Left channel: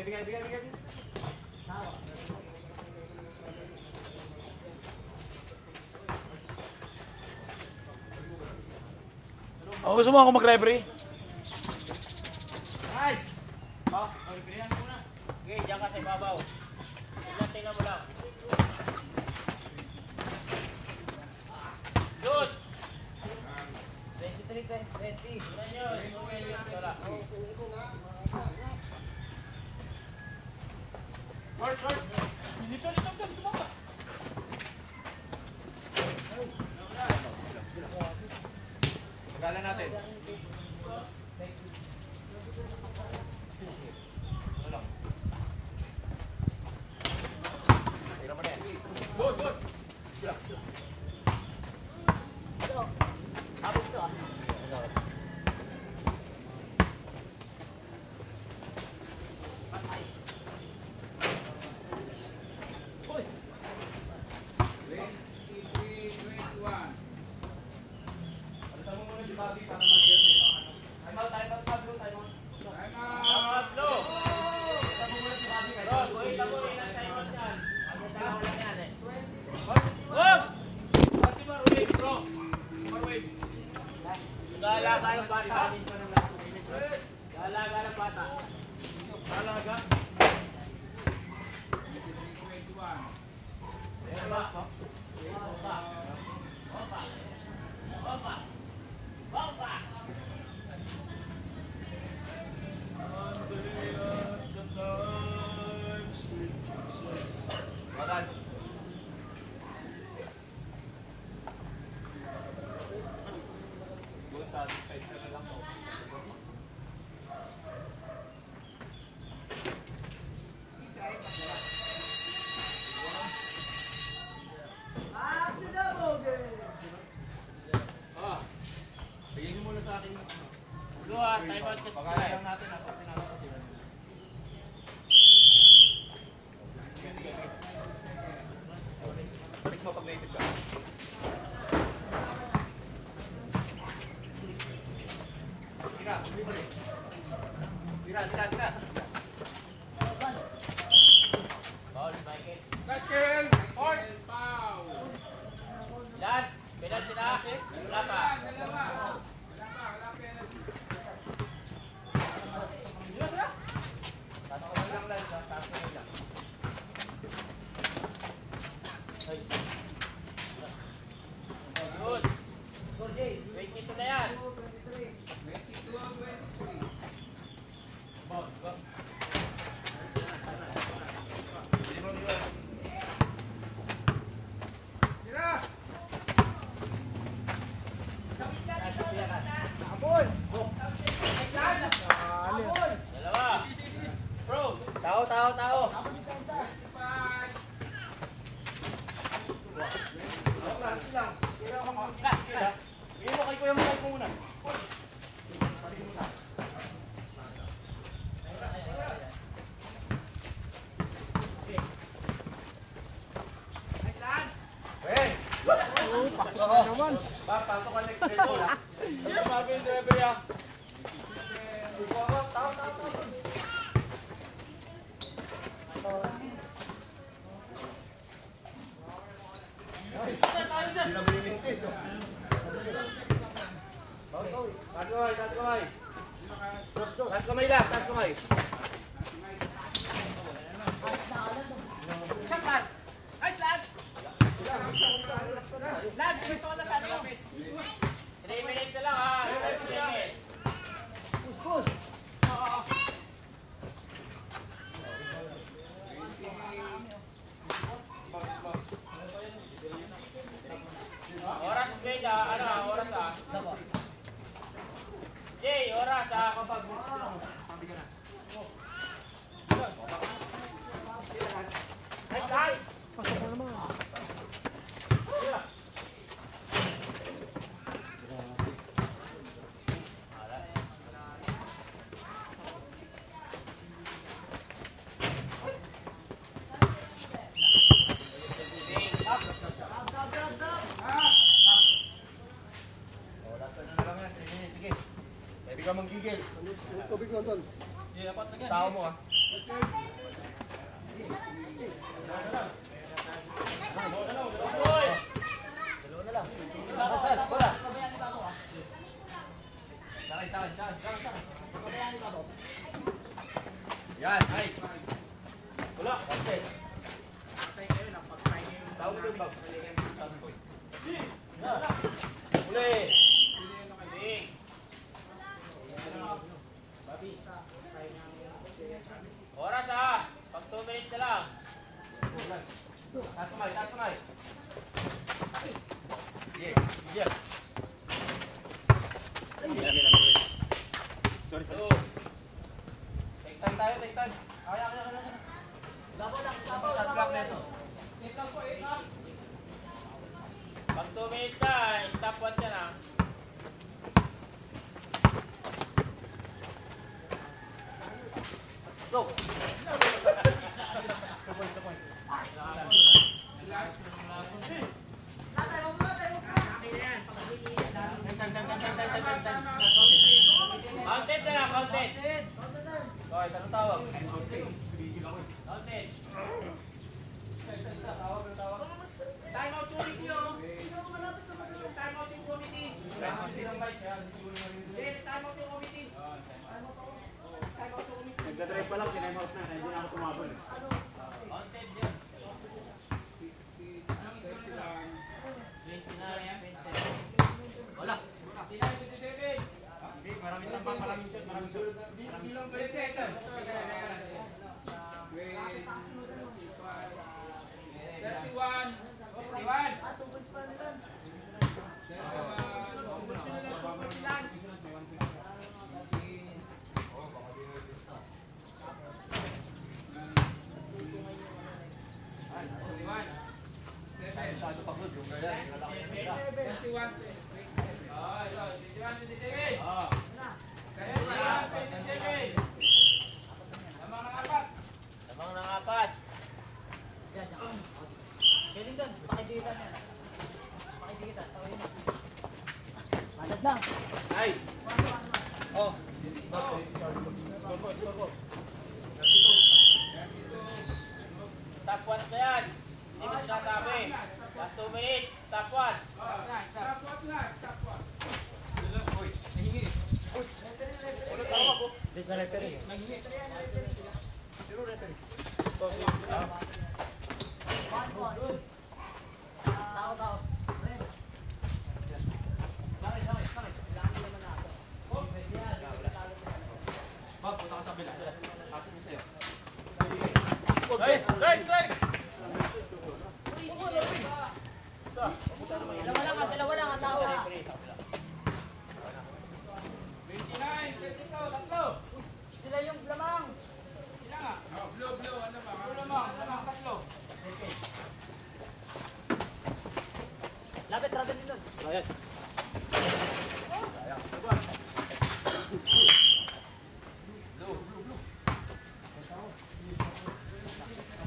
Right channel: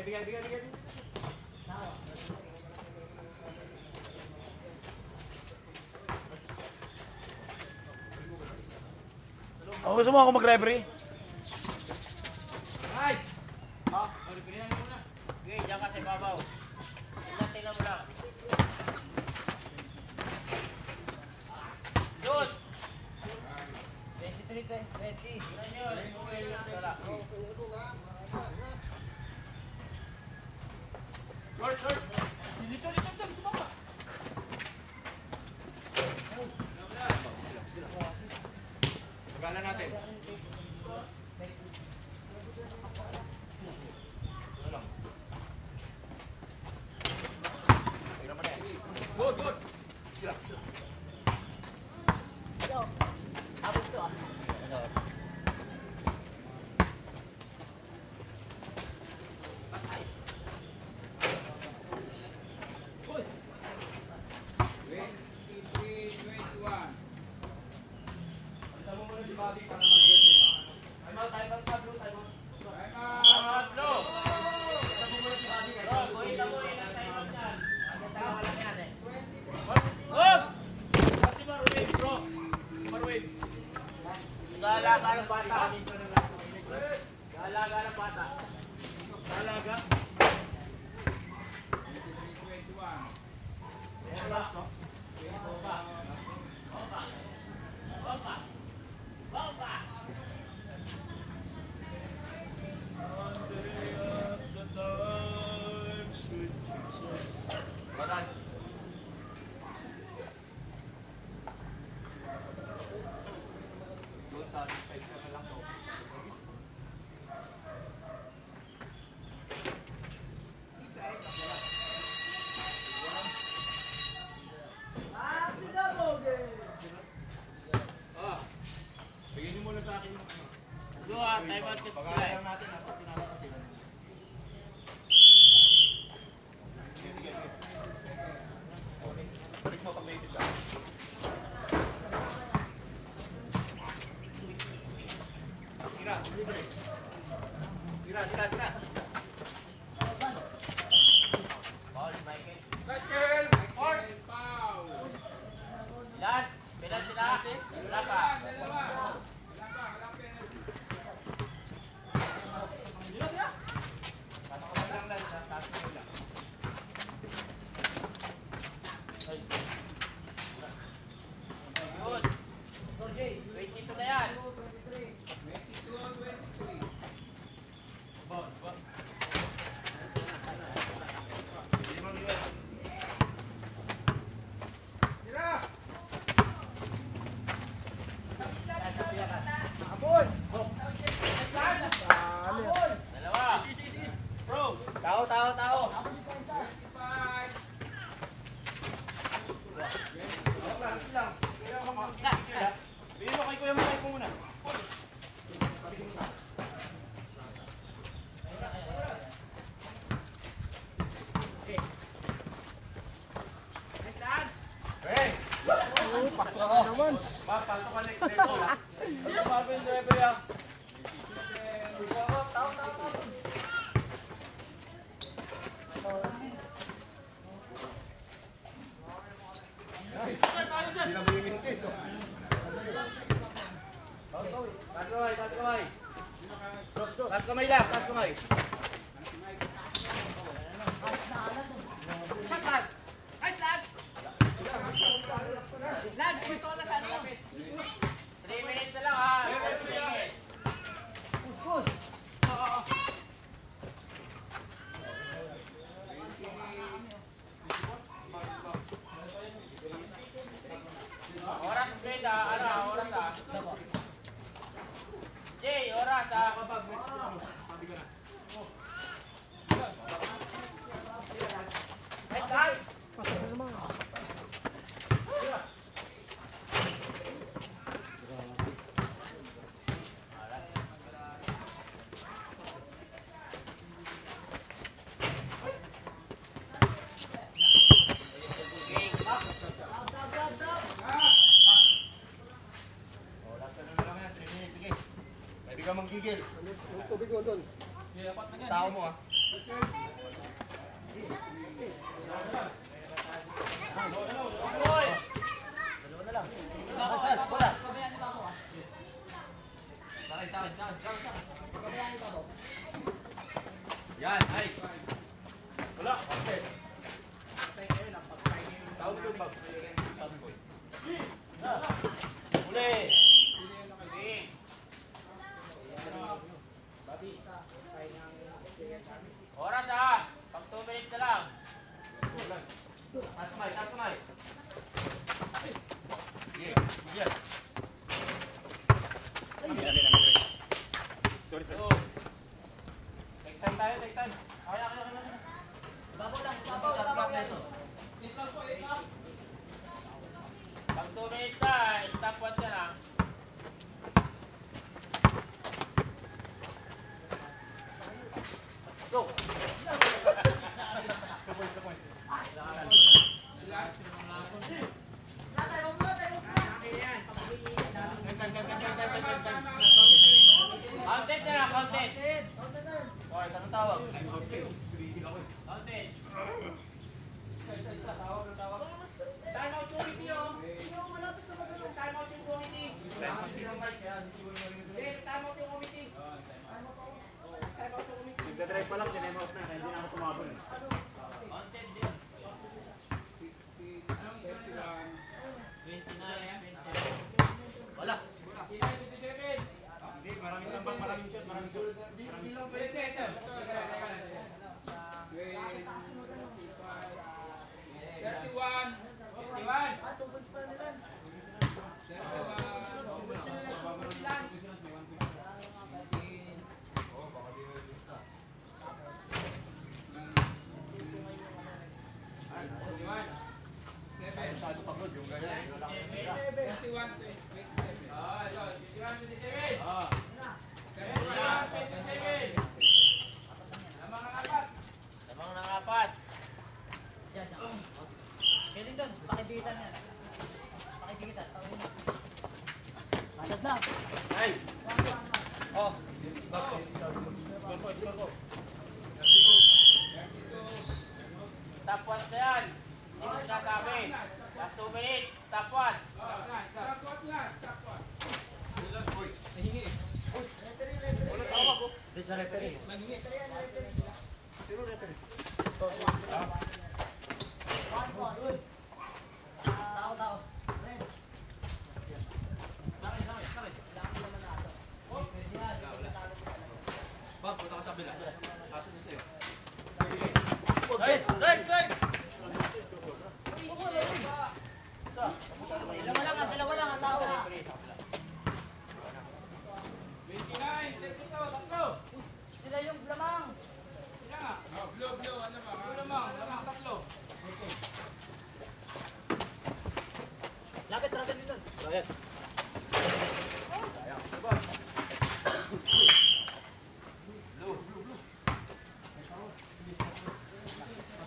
Bigay. Oh, gusto mo ako mag-referee? Nice! Referee lang muna. Okay, diyan ka sa ibabaw. Tingnan mo lang. Shoot! 23-20. Tingnan nyo. Wala. Short! Litsyon, tumama. Magalan natin. Good. Sila. Abot to ah. Galaga ng bata. Galaga. Satisfied ka na lang sa bigyan niyo muna sa akin. Dua, time out kasi sila Pagkakalang natin pag pinakapatiran niyo. Balik mo pag native ka. Tira. Paul, Michael. Michael! Foul. Ilan? Bilan sila? Wala pa. Taas ko lang Lance, ha? Taas ko lang. Good. 22 na yan. Dalawa. Bro. Tao. Lang. Bigyan mo kay Kuya Mike muna. Paligin mo sa akin. Hey! Pasok ka next level ha. Ano sabi yung referee ah? Tao. Nice. Hindi na bumimintis oh. Taas kamay lang. Nice, lads. Lads, may tola sa ano. 3 minutes na lang ha. 3 minutes. Push. Oras, Jay, oras ah. Jay, oras ah. Sabi ka na. Nice, guys. Pwede ka manggigil. Tubig mo doon. Tao mo ah. Yan, nice. Wala. Okay. Tawag yung bag. Uli. Oras ha. Pag 2 minutes na lang. Taas kamay, taas kamay. Sige, sige. Sorry, sorry. 2. Take time tayo, take time. Kaya. Shot clock na ito. Pag 2 minutes na, stopwatch yan ha. So. Counted na lang, counted. Okay, tanong tawag. Counted. Time out committee yun. Time out yung committee. Hindi ng mic, kaya hindi siguro narinig doon. Time out yung committee. Time out yung committee. Nagdadrive pa lang, tinime out na. Hindi na ako tumabon. Counted yun. 29. Wala. Hindi, maraming tambak, maraming shot, maraming shot. Hindi lang pwede. Ito. 31. Masyado pagod yung ganyan. Lamang ng 4. Galing doon, pakibigitan yan. Pakibigitan, tawin mo. Malad na. Nice. Oh. Stopwatch na yan. Hindi mo sinasabi. Last 2 minutes, stopwatch. Tao. Bob, punta ka sa bila. Asan niya sa'yo? Bibigay. Guys, right. Dalawa lang ang tao. Sila yung lamang. Lapit, rata dito. Ayan.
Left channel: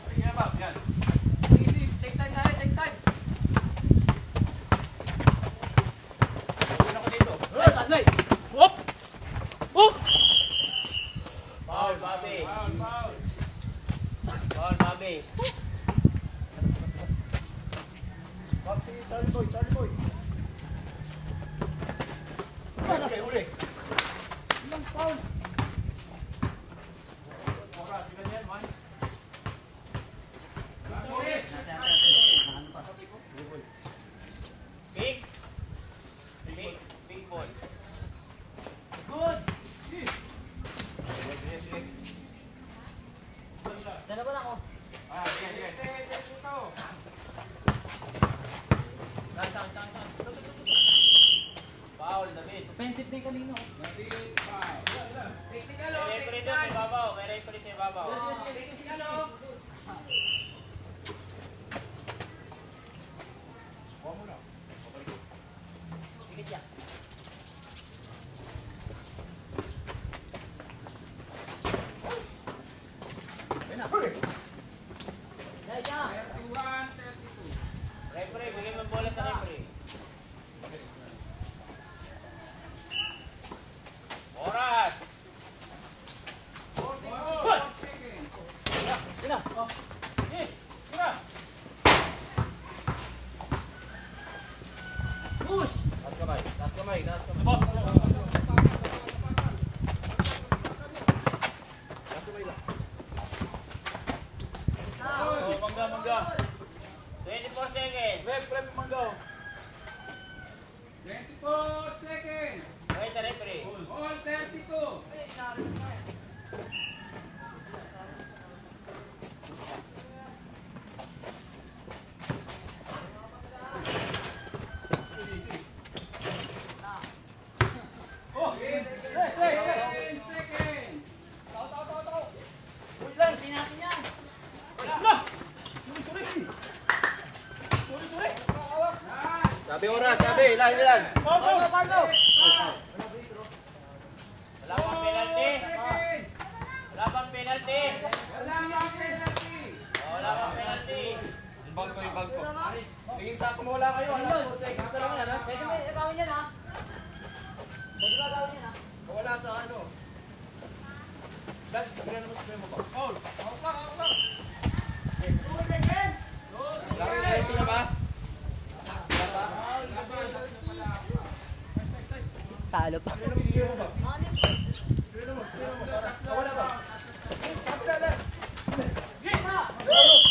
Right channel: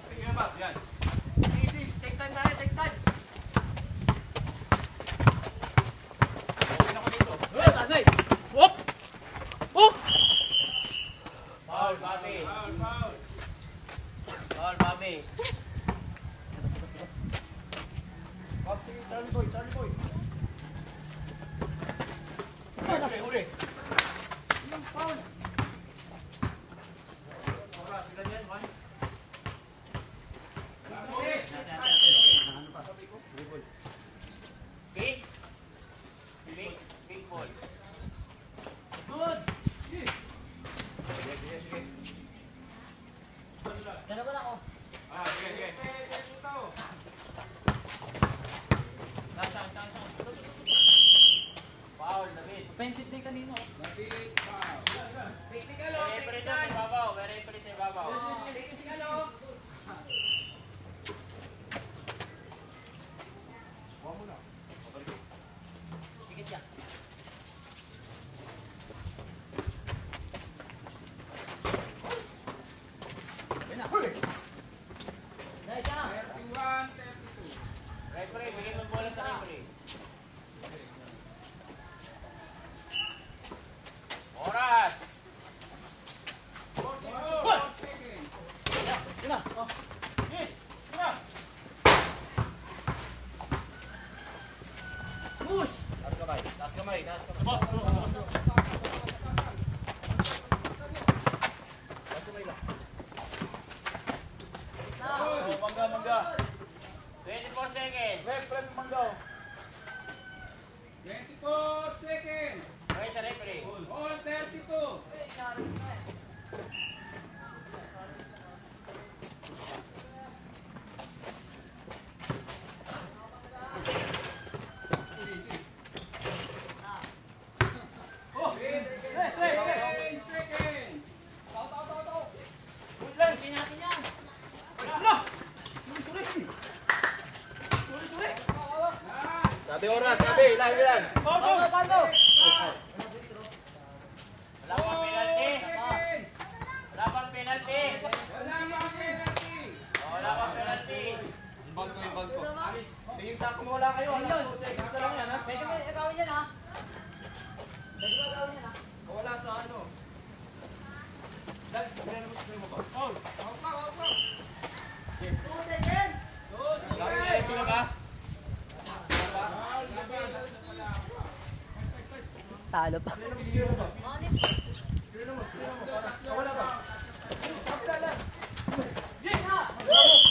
Sige, Bob. Yan. Sige. Take time tayo, take time. Okay na ko dito. Whoop! Whoop! Foul, Bobby. Foul, Bobby. Bob, sige, Charlie boy. Okay, uli. Ilang foul? Oras, ilan yan? 1? Big ball. Good! Sige. Dalawa lang ako. Sige. Saan? Foul, David. Offensive day kanino. May referee doon sa ibabaw. May referee sa ibabaw. Huwag mo na. Higit yan. Huli! Dahil yan. Referee, bigyan mo bola sa referee. Oras. Boss, mangga, mangga. 24 seconds. Rep, mangga. 24 seconds. Okay, sa referee. All 32. Sabi oras, sabi, ilan. Paano? Wala pang penalty. Wala pang penalty. Oh, wala pang penalty. Ibang ko. Tingin sa kung wala kayo, alas 4 seconds na lang yan, ha? Pwede ba gawin yan, ha? Pwede ba gawin yan, ha? Wala sa ano. Dad, sabihan mo sa mo ba? Gawin na ito na ba? Talo pa. Screen mo ba? Screen mo. Wala ba? Sabi na lang.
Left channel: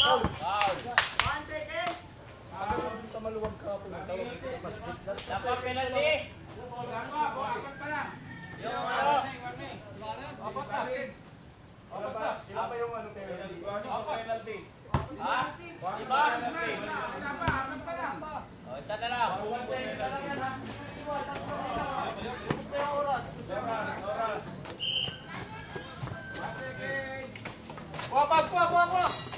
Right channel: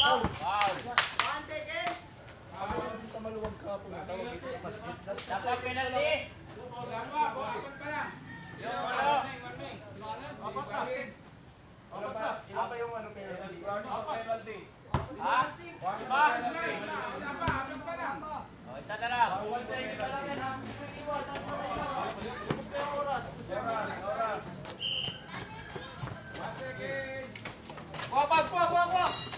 Wow. Pagka sa maluwag ka, pumatawag dito sa masjid. Wala pang penalty. Yung ano? Sila pa yung ano penalty? Penalty. Ha? Diba? Oh, isa na lang. 1 second na lang yan, ha? Iwan, taas na kayo. Lubos na yung oras. Oras. Kuha.